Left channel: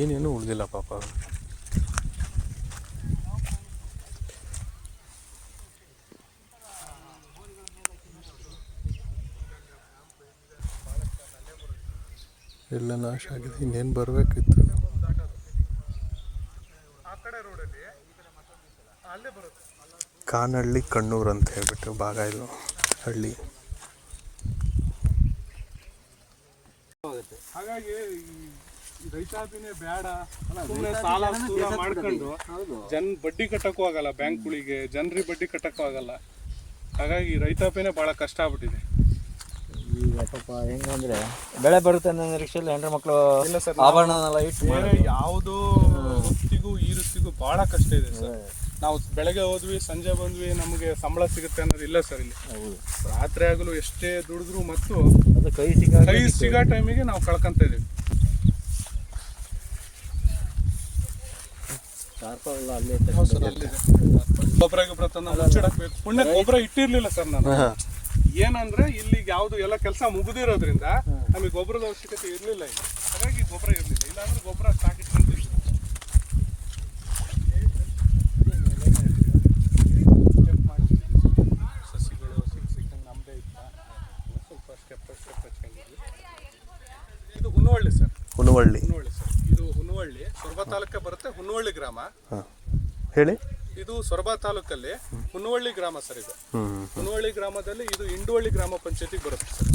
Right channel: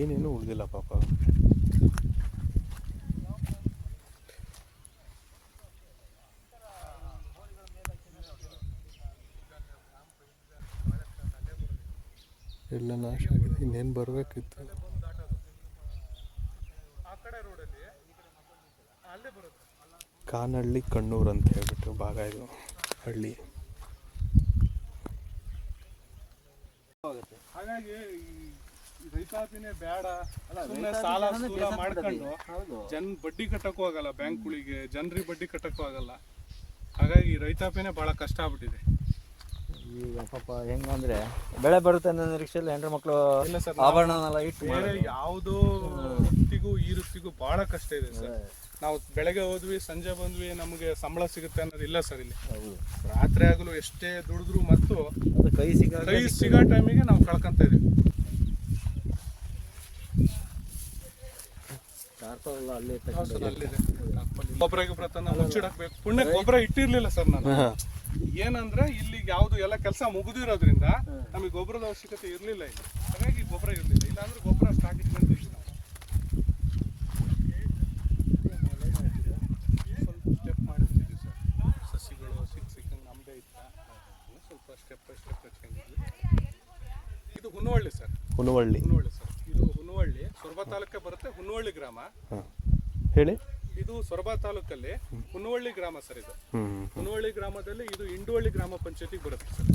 ಏನೇನು ಉಳಿದಿಲ್ಲ ಪಾಪ. ಎಲ್ಲ ನಾಶ ಆಗಿದೆ. ಇನ್ನೇನು ಬರಬೇಕಿತ್ತು. ಕಾನಹಳ್ಳಿ ಕಣ್ಣೂರು ಅಂತ ಹೇಳ್ಬಿಟ್ಟು ಭಾಗ ಇದು ಹಳ್ಳಿ. ಹಾಗಾಗಿ ರೈತಾಪಿನೇ ಬೇಡ, ಸಾಲ ಮಾಡ್ಕೊಂಡು ಬಡ್ಡಿ ಕಟ್ಟಕ್ಕೂ ಆಗಲ್ಲ, ಬ್ಯಾಂಕ್ಗಳಿಗೆ ಜನರಿಗೆ ಬಡ್ಡಿ ಕಟ್ಟಕ್ಕೂ ಆಗಲ್ಲ. ಹಾಗಾಗಿ ರೈತಾಪಿನೇ ಭಾಳ ಕಷ್ಟ ಆಗ್ಬಿಟ್ಟಿದೆ. ಈಗ ಪಾಪ ಹೆಂಗಂದ್ರೆ ಬೆಳೆ ಬರುತ್ತೆ ಅನ್ನೋ ನಿರೀಕ್ಷೆಯಲ್ಲಿ ಹೆಣ್ಣು ಮಕ್ಕಳು ಆಭರಣನೆಲ್ಲ ಇಟ್ಟು ಯಾವುದೋ ವೃತ್ತಿಗೂ ಈ ವೃತ್ತಿಗೂ ಭಾಳ ಕಷ್ಟ ಇದೆ ಸರ್. ನಾವು ಬೆಳಗ್ಗೆ ಹೋದ್ವಿ, ಸಂಜೆ ಬಂದ್ವಿ, ನಮಗೆ ಸಂಬಳ ಸಿಗುತ್ತೆ ಅನ್ನೋದು ಇಲ್ಲ ಸರ್ ಇಲ್ಲಿ. ರಾತ್ರಿ ಆಗಲು ಎಷ್ಟೇ ದುಡಿದ್ರು ಮತ್ತು ಕೈ ಸಿಗೋ ಟೈಮಿಗೆ ನಾವು ಕಳ್ಕೊಂತ ಇದೀವಿ. ಗೊಬ್ಬರ ತಂದು ಮುಚ್ಚಿಡಕ್ಬೇಕು. ಪುಣ್ಯ ಗೊಬ್ಬರ ಇಟ್ಟಿರ್ಲಿಲ್ಲ ಸರ್ ನಾನು. ಏನಂದ್ರೆ ಇಲ್ಲಿ ಯಾವ್ದು ಎಲ್ಲ ಕೆಲಸ ಮುಗಿದಿರೋದ್ರಿಂದ ನಮಗೆ ಗೊಬ್ಬರದ ಅವಶ್ಯಕತೆ ಇರಲಿಲ್ಲ ಈಗ. ಹಾಗಾಗಿ ಗೊಬ್ಬರ ಇರಲಿಲ್ಲ. ಇಲ್ಲಾಂದ್ರೆ ಗೊಬ್ಬರ ಸಾಕಿಟ್ಕೊಂತೀವಿ. ಸಸಿಗಳು ಸಿಕ್ಕಂಗೆ ನಮ್ಮದೇ ಇತ್ತ, ಸ್ವಲ್ಪ ಸ್ಟೆಪ್ ಹಚ್ಕೊಂಡಿದ್ವಿ. ಇದು ಹುನವಳ್ಳಿ ಸರ್. ಹುನವಳ್ಳಿ ಸರ್, ಇದು ಹುನವಳ್ಳಿ ಸೊರಬ ತಾಲೂಕೆ ಬರುತ್ತೆ. ಹುನವಳ್ಳಿ ಗ್ರಾಮ ಹೇಳಿ. ಇದು ಸೊರಬ ತಾಲೂಕಲ್ಲಿ ಹುನವಳ್ಳಿ ಗ್ರಾಮ ಸರ್. ಇದು ಹುನವಳ್ಳಿ ಗ್ರಾಮದಲ್ಲಿ ಇದು ಇಂಡುವಳ್ಳಿ ಗ್ರಾಮ ಪಂಚಾಯತಿಗೆ ಬರುತ್ತೆ ಸರ್.